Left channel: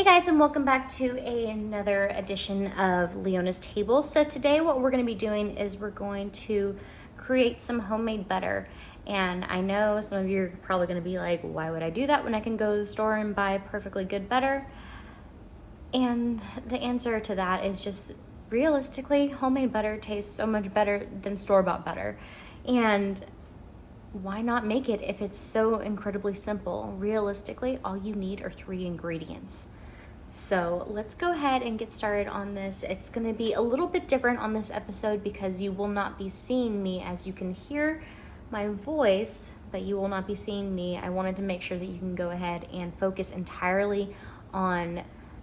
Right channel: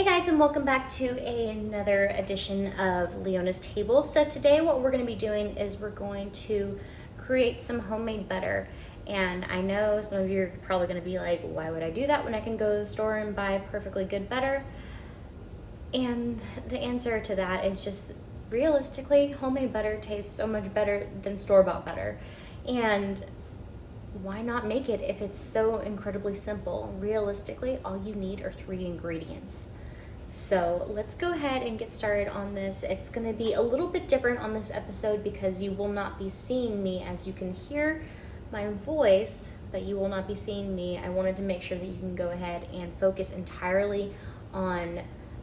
Hey guys, and welcome back to another edition of Leona's Table. So today what we're going to be doing is we're going to create some homemade butter. And I know some of you are probably going to be like, why would I do that when I can go to the store and buy perfectly good butter? And the answer to that is just realistically, homemade butter tastes so much better than store-bought butter. And why not make it if it's so incredibly simple? Realistically, all you need are 3 ingredients. So let's go ahead and get started on this. It's going to be a little bit different on this episode because you will not be seeing me. As you can hear my voice, but you will not be seeing me. I wanted to make sure that you can go ahead and focus entirely on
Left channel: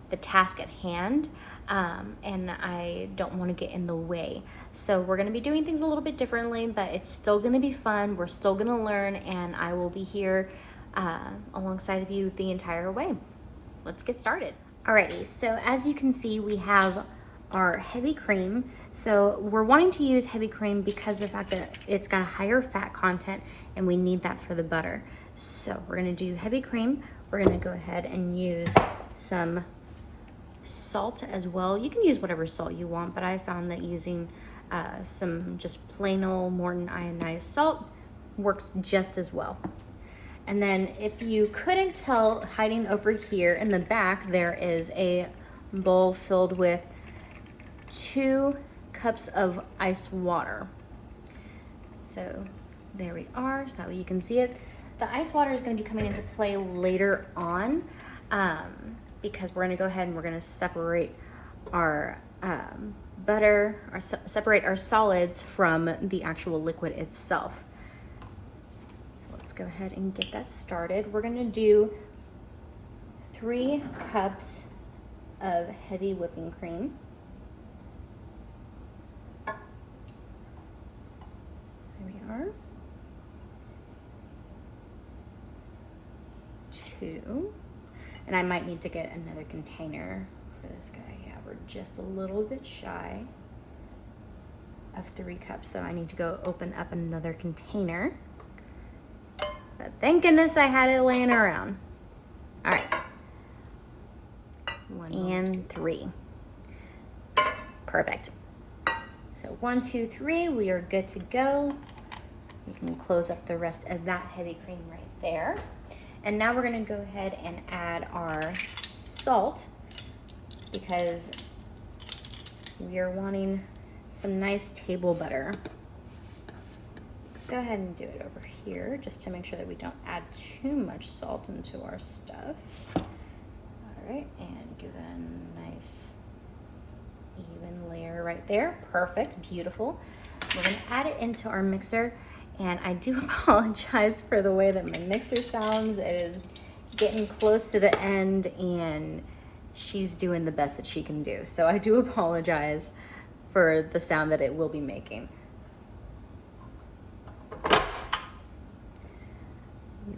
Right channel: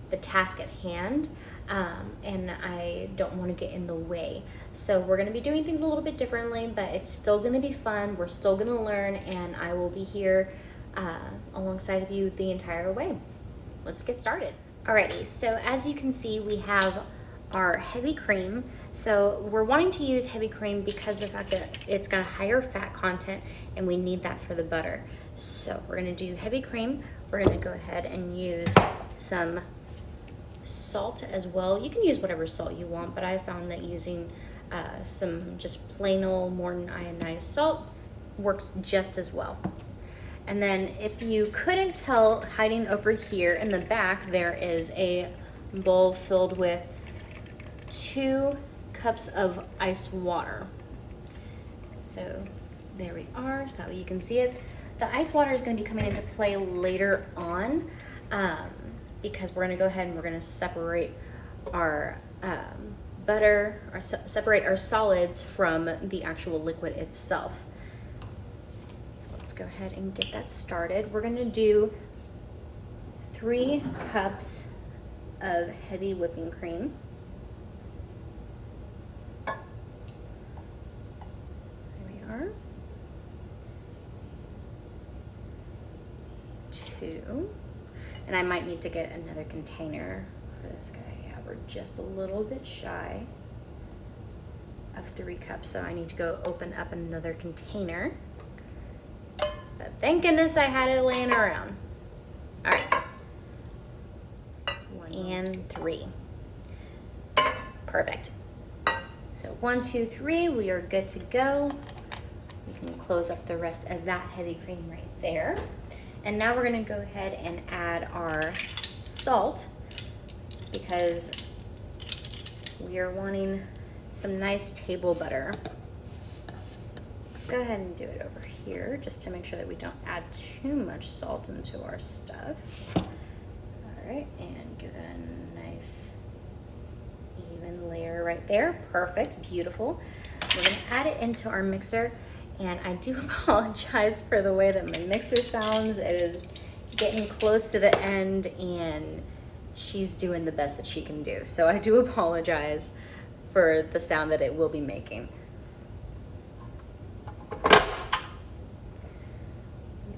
the task at hand, and I don't want to get in the way. So we're going to be doing things a little bit differently, but it's still going to be fun. We're still going to learn, and I will be here alongside of you the entire way. Let's get started. Alrighty, so as you can see, we have our heavy cream. So we're wanting to use heavy cream because of the fact that it's got a higher fat content and we need that for the butter. So we're gonna do heavy cream. We're gonna go ahead and use some salt as well. You can use whatever salt you want, but I found that using some just plain old Morton ionized salt works just as well. And then if you couldn't tell, hiding over here in the back, there is a bowl filled with 2 cups of ice water. So there we are, so that way you can see it. The ice water is going to be coming into play later on because we're going to go ahead and we're going to separate our butter, separate our solids from the actual liquid itself. Go ahead and get that started. We're gonna do 3 cups of heavy whipping cream. There we are. 2. And I might need to get another container for this guy. Yeah, we're just a little bit shy of 3 cups, so I need to go open up another container. Thank goodness I had it laying around. All right. 1 and 3. Perfect. So 1, 2, 3, we are good to go. We can close up the rest of that heavy cream right there. And now we're gonna go ahead and add our salt because we are wanting some nice table butter. Let's go ahead and do it over here just to make sure that we don't add too much salt into our stuff. All right, and give it a nice even layer right there. Perfect, beautiful. We're gonna add it into our mixer, and I do apologize for the way that my mixer sounds. It is getting close to the end and she's doing the best that she can do. So I do apologize for the sound that it will be making.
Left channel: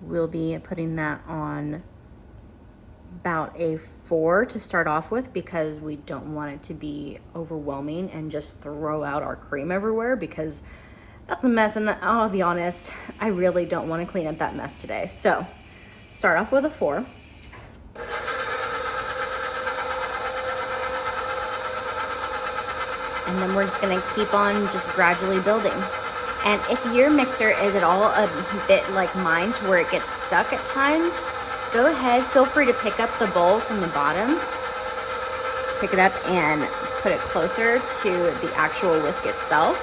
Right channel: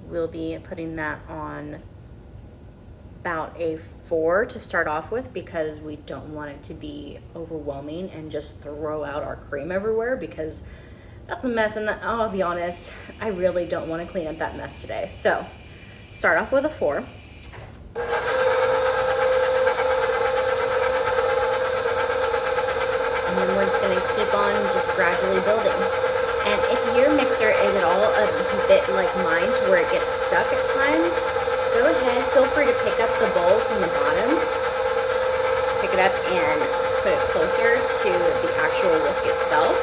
We'll be putting that on about a 4 to start off with because we don't want it to be overwhelming and just throw out our cream everywhere because that's a mess, and I'll be honest, I really don't want to clean up that mess today. So start off with a 4. And then we're just gonna keep on just gradually building. And if your mixer is at all a bit like mine to where it gets stuck at times, go ahead, feel free to pick up the bowl from the bottom, pick it up and put it closer to the actual whisk itself.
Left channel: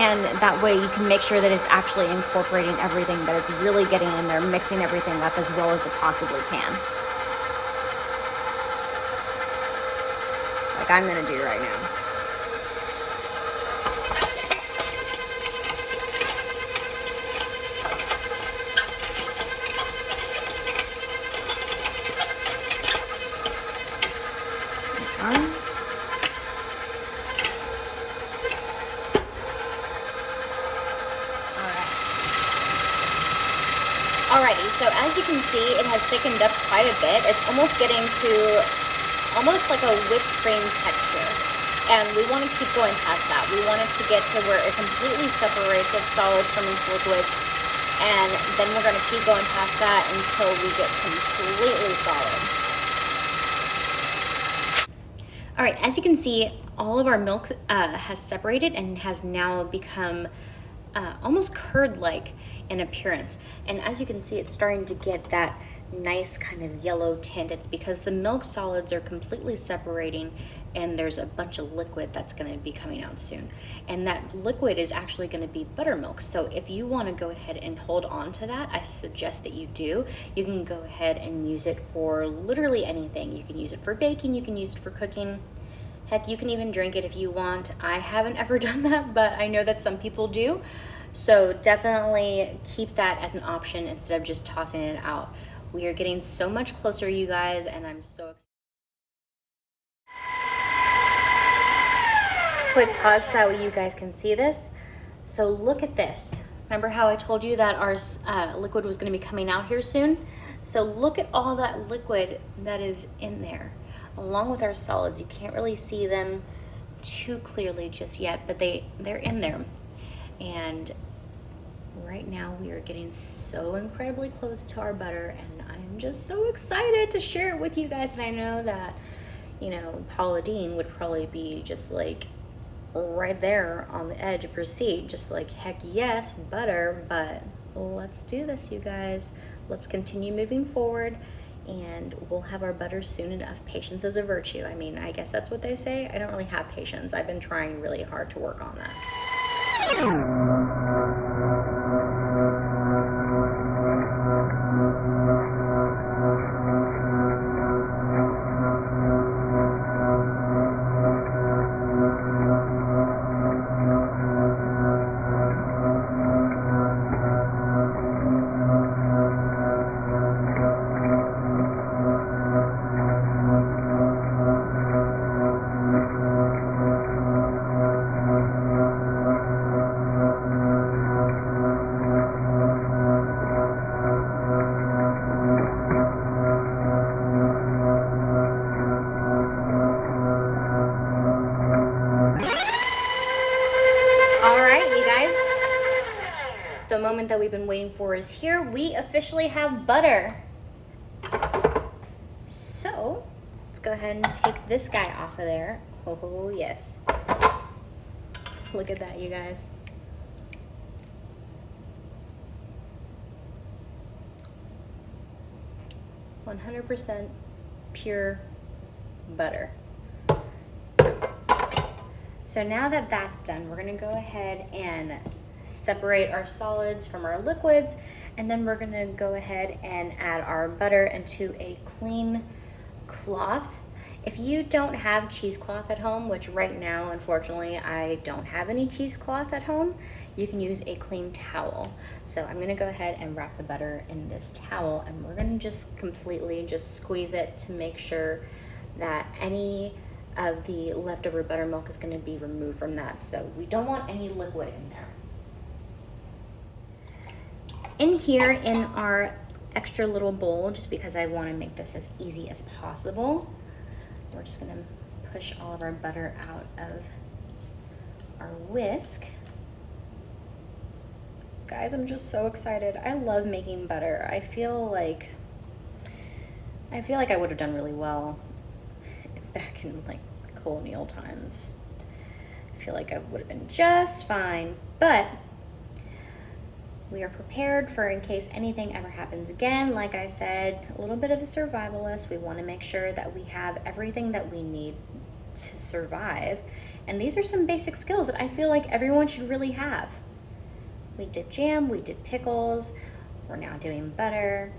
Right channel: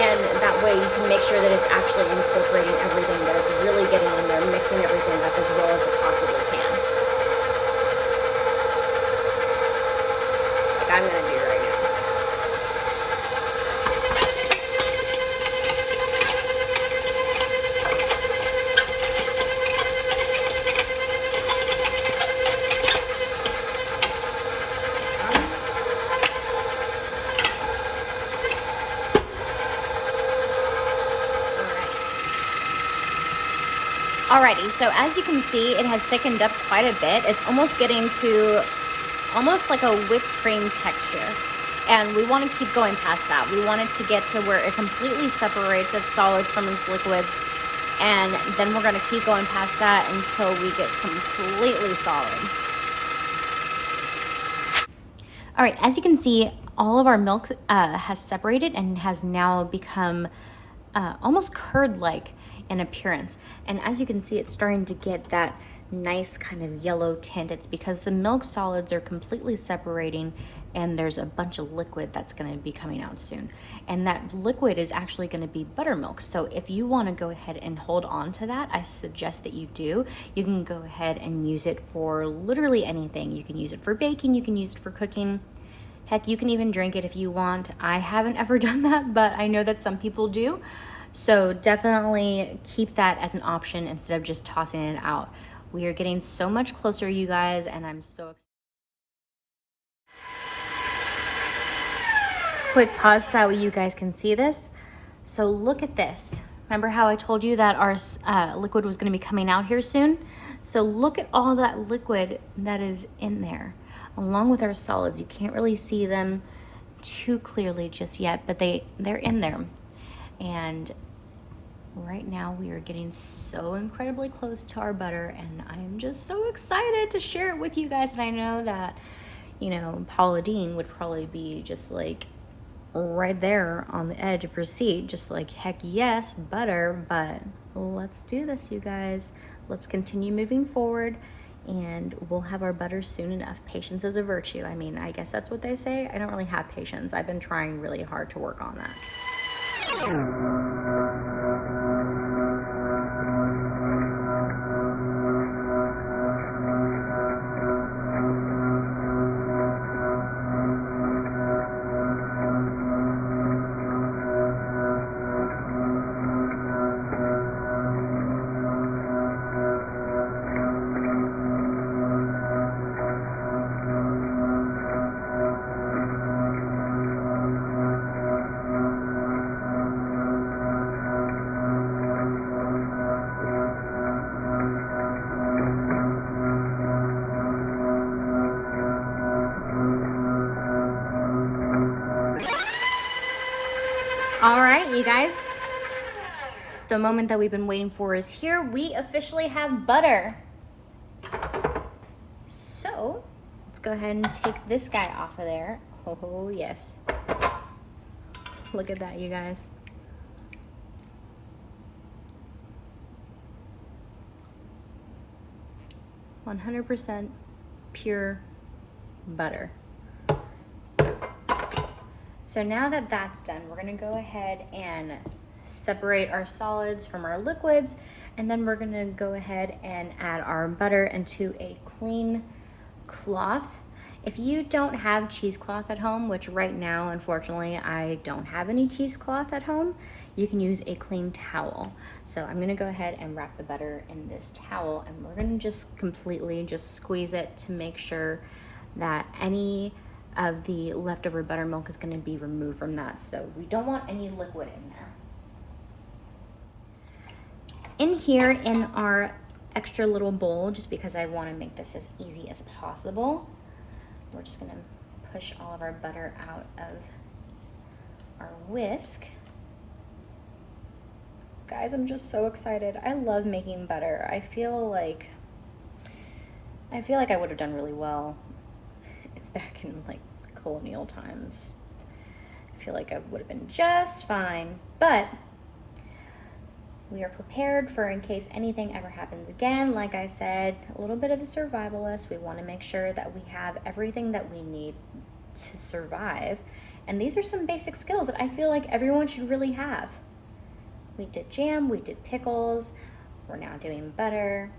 And that way you can make sure that it's actually incorporating everything, that it's really getting in there, mixing everything up as well as it possibly can. Like I'm gonna do right now. Alrighty, so as you can see, it has thickened up quite a bit. It's almost getting to almost like a whipped cream texture. And we want to keep going past that. We want it to get to where it completely separates its solids from its liquids. And then we're going to keep going past that until we get completely solid. All right, as you can see, all of our milk has separated and has now become almost curd-like in appearance. And as you can see, it's starting to get that nice kind of yellow tint. It's because the milk solids are completely separating and there's a bunch of liquid that's going to be coming out soon. And that liquid is actually going to be buttermilk. So if you want to go ahead and hold on to that, I suggest that you do. You can go ahead and use it for literally anything. You can use it for baking, you can use it for cooking. Heck, you can even drink it if you want. I haven't ever done that, but I know that some people do. So definitely keep that as an option instead of just tossing it out. We are getting so much closer, you guys, and I'm so excited. Quick pause, that way you guys can see this. So look at this. Remember how I told you that our liquid was going to be coming out here soon? So look at all that liquid that is in there, along with our solids. You can't really see them too clearly just yet, but they're in there. And right now we are getting so incredibly close to our butter, and I'm just so excited to share it with you guys. And I know that, you know, Paula Deen would probably be just like right there on the edge of her seat, just like, heck yes, butter. But let's do this, you guys. Let's continue moving forward, and we'll have our butter soon enough. Patience is a virtue. I mean, I guess that's what they say. I don't really have patience. I've been trying really hard to work on that. The moment that we've been waiting for is here. We officially have butter. So let's go ahead and take this guy off of there. Oh yes. Look at that, you guys. %100% pure butter. So now that that's done, we're gonna go ahead and separate our solids from our liquids, and then we're gonna go ahead and add our butter into a clean cloth. If you don't have cheesecloth at home, which right now, unfortunately, I don't have any cheesecloth at home, you can use a clean towel. So I'm gonna go ahead and wrap the butter in this towel, and we're gonna just completely just squeeze it to make sure that any of the leftover buttermilk is gonna be removed from that. So we don't want any liquid in there. In here in our extra little bowl, just because I want to make this as easy as possible, we're just going to push all of our butter out of our whisk. Guys, I'm just so excited. I love making butter. I feel like I would have done really well back in like colonial times. I feel like I would have been just fine, but we are prepared for in case anything ever happens again. Like I said, a little bit of a survivalist. We want to make sure that we have everything that we need to survive. And these are some basic skills that I feel like everyone should really have. We did jam, we did pickles, we're now doing butter.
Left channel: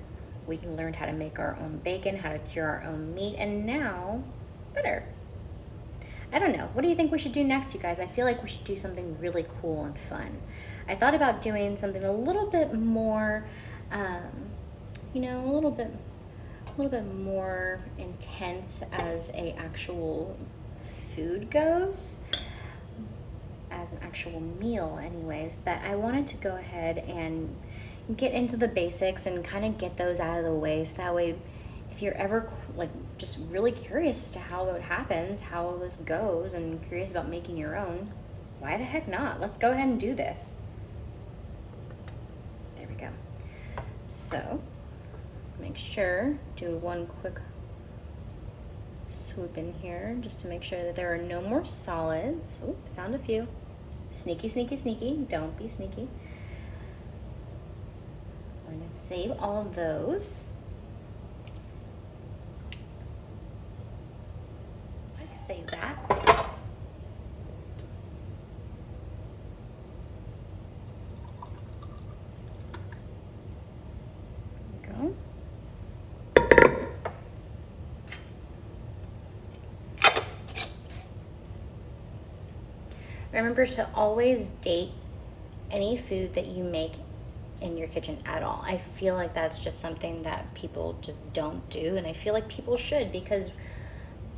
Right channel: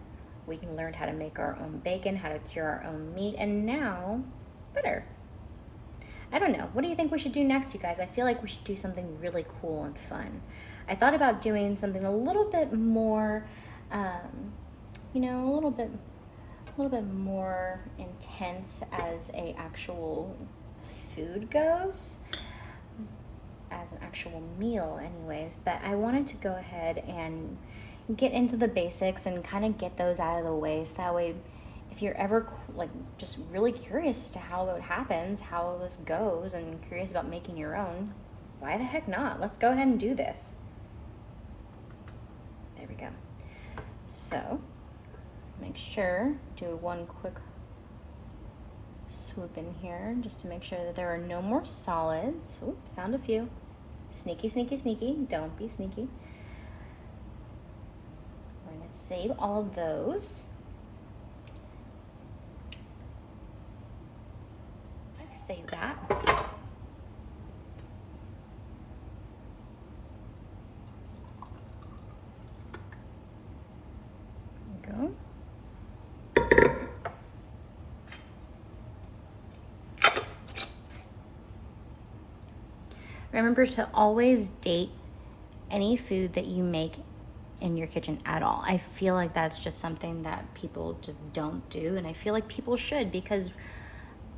We learned how to make our own bacon, how to cure our own meat, and now butter. I don't know. What do you think we should do next, you guys? I feel like we should do something really cool and fun. I thought about doing something a little bit more, you know, a little bit more intense as a actual food goes, as an actual meal anyways. But I wanted to go ahead and get into the basics and kind of get those out of the way, so that way if you're ever like just really curious as to how it happens, how this goes, and curious about making your own, why the heck not? Let's go ahead and do this. There we go. So make sure, do one quick swoop in here just to make sure that there are no more solids. Oop, found a few. Sneaky, sneaky, sneaky. Don't be sneaky. We're gonna save all of those. Save that. There we go. Remember to always date any food that you make in your kitchen at all. I feel like that's just something that people just don't do, and I feel like people should, because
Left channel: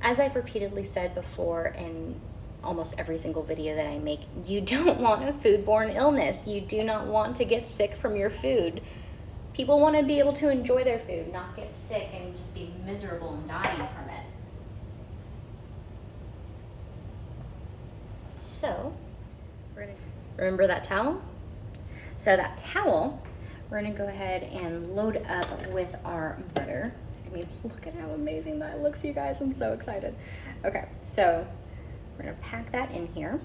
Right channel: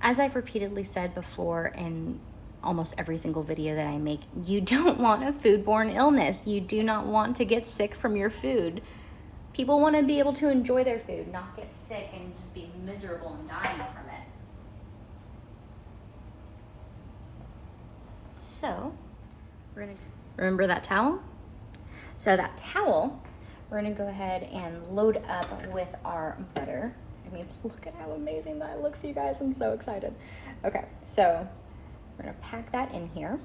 as I've repeatedly said before in almost every single video that I make, you don't want a foodborne illness. You do not want to get sick from your food. People want to be able to enjoy their food, not get sick and just be miserable and dying from it. So, remember that towel? So that towel, we're gonna go ahead and load up with our butter. I mean, look at how amazing that looks, you guys. I'm so excited. Okay, so we're gonna pack that in here.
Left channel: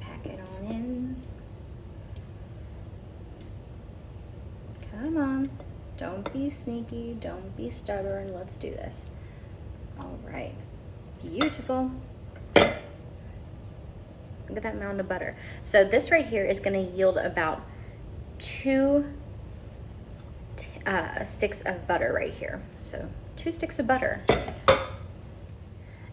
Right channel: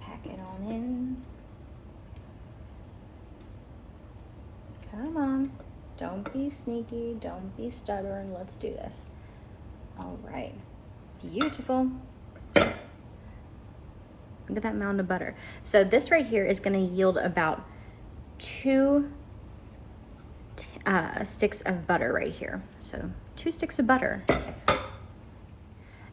Pack it on in. Come on, don't be sneaky, don't be stubborn, let's do this. All right, beautiful. Look at that mound of butter. So this right here is gonna yield about 2 sticks of butter right here. So 2 sticks of butter.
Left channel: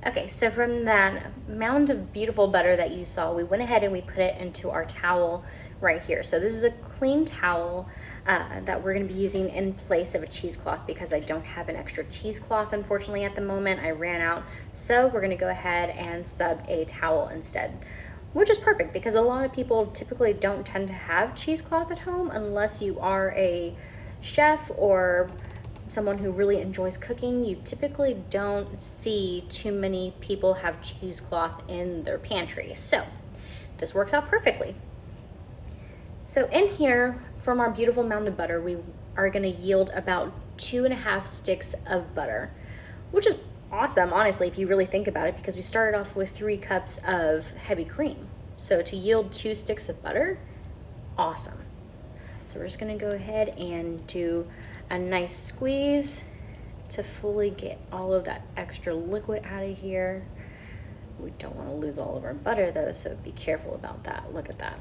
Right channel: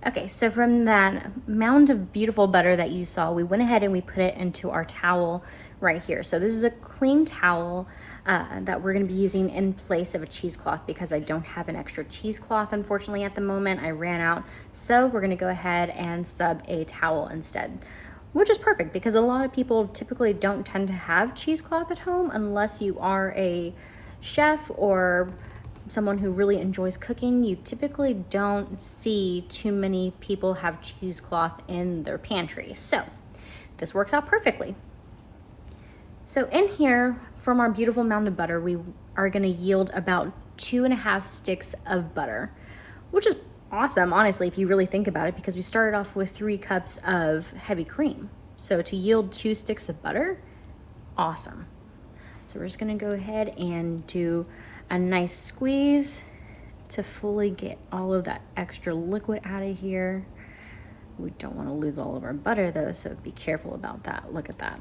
Okay, so from that mound of beautiful butter that you saw, we went ahead and we put it into our towel right here. So this is a clean towel that we're gonna be using in place of a cheesecloth, because I don't have an extra cheesecloth, unfortunately, at the moment. I ran out. So we're gonna go ahead and sub a towel instead, which is perfect because a lot of people typically don't tend to have cheesecloth at home unless you are a chef or someone who really enjoys cooking. You typically don't see too many people have cheesecloth in their pantry. So this works out perfectly. So in here, from our beautiful mound of butter, we are gonna yield about 2.5 sticks of butter, which is awesome, honestly, if you really think about it, because we started off with 3 cups of heavy cream. So to yield 2 sticks of butter, awesome. So we're just gonna go ahead and do a nice squeeze to fully get all of that extra liquid out of here. We don't wanna lose all of our butter though, so be careful about that. Look at that.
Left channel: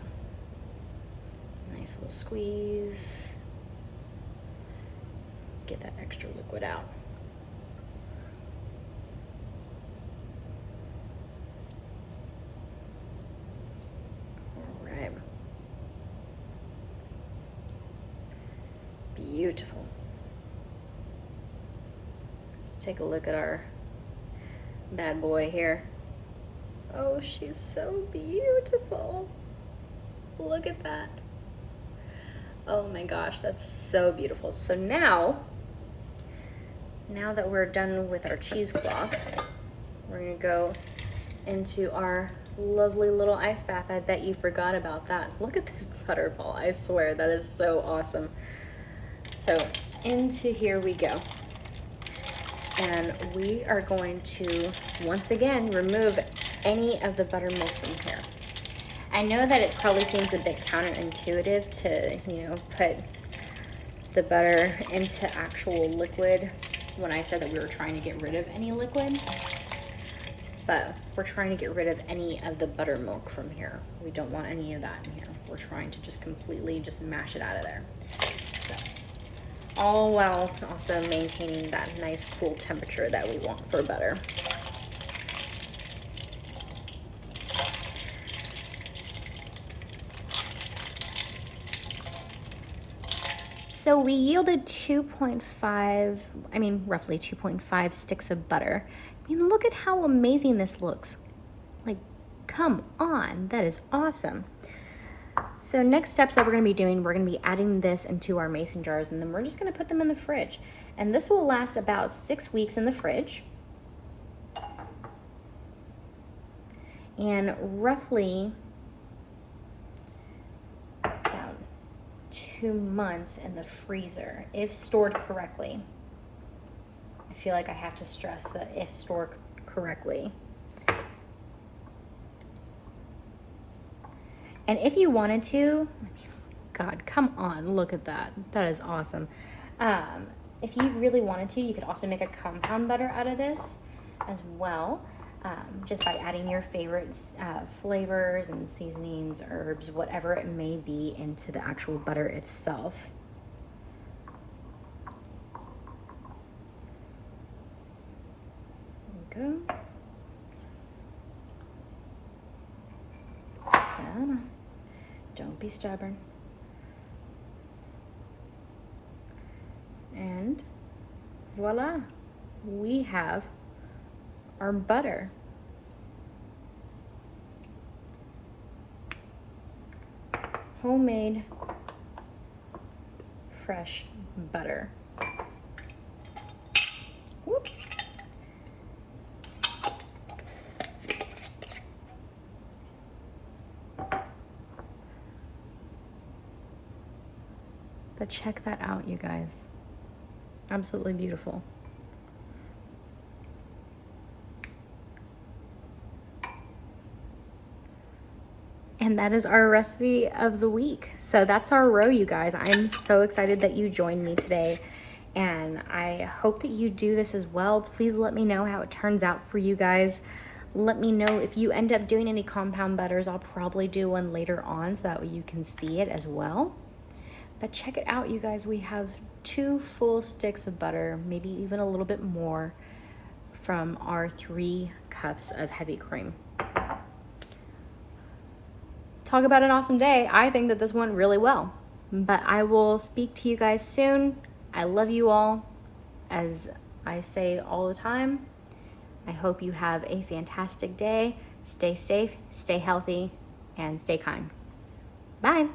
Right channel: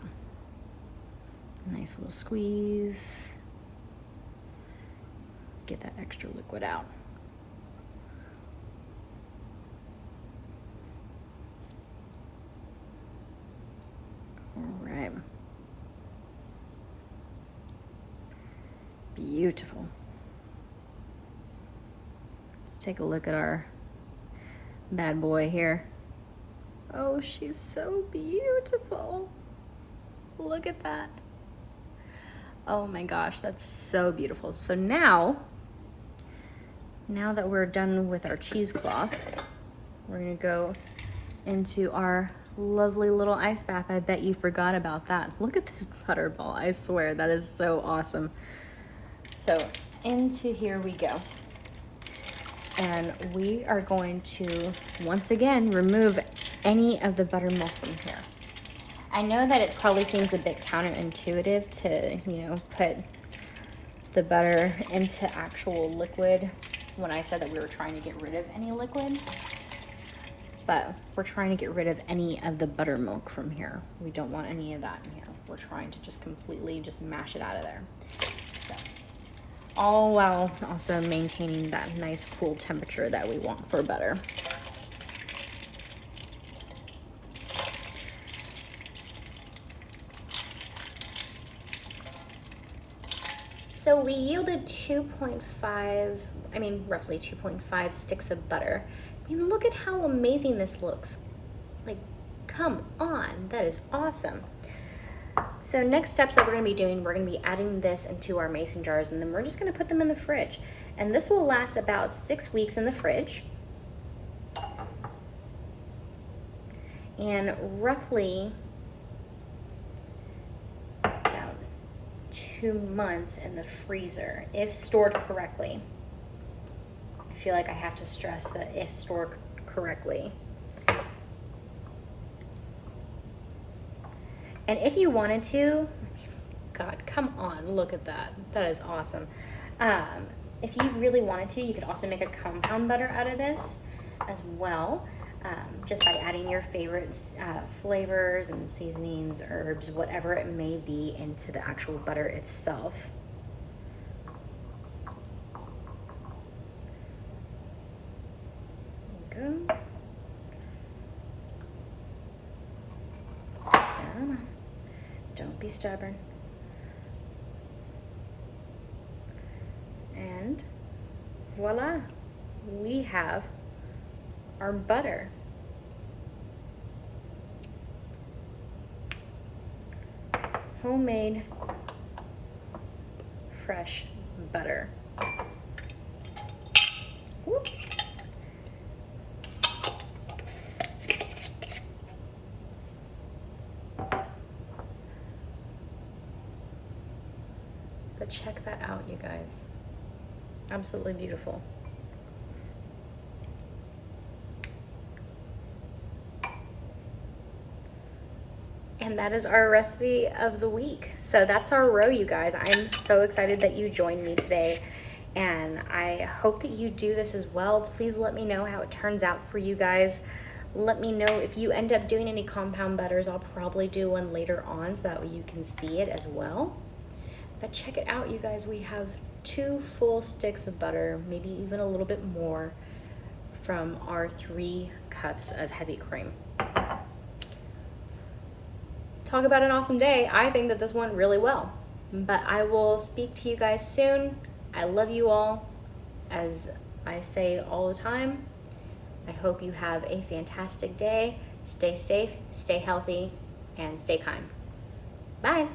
Nice little squeeze. Get that extra liquid out. All right. Beautiful. Let's take a look at our bad boy here. Oh, she's so beautiful. Look at that. Oh my gosh, that's so beautiful. So now that we're done with our cheesecloth, we're gonna go into our lovely little ice bath. I bet you forgot about that. Look at this butterball, I swear, that is so awesome. So into here we go. And we are going to, once again, remove any of the buttermilk from here. I know that it probably seems a bit counterintuitive to, put the butter into actual liquid when I said that we were trying to get rid of any liquid, but we're trying to get rid of any of the buttermilk from here. We don't want any of that in here. We're trying to just completely just mash it out of there. So, all while also maintaining that nice cool temperature that we want for butter. So we yielded roughly 2.5 sticks of butter. I mean, look at how amazing this looks. Like, come on, that is awesome. So next steps that we're gonna be doing, we're gonna be adding this into our mason jars, and then we're just gonna put them in the fridge. And this will last about 6 weeks in the fridge. And roughly 2 months in the freezer if stored correctly. I feel like I have to stress that if stored correctly. And if you wanted to, God, come on, look at that. That is awesome. If you really wanted to, you could also make a compound butter out of this as well, just by adding your favorite flavors and seasonings, herbs, whatever it may be, into the actual butter itself. There we go. Don't be stubborn. And voila, we have our butter. Homemade, fresh butter. Whoop. But check that out, you guys. Absolutely beautiful. And that is our recipe of the week. So that's our row, you guys. I'm so excited that you joined me today, and I hope that you do this as well. Please let me know how it turns out for you guys. Let me know if you end up doing any compound butters. I'll probably do one later on so that way you can see it as well. But check it out, you guys. We have 2 full sticks of butter, maybe even a little bit more, from our 3 cups of heavy cream. Talk about an awesome day. I think that this went really well, but I will speak to you guys soon. I love you all. As I say all the time, I hope you have a fantastic day. Stay safe, stay healthy, and stay kind. Bye.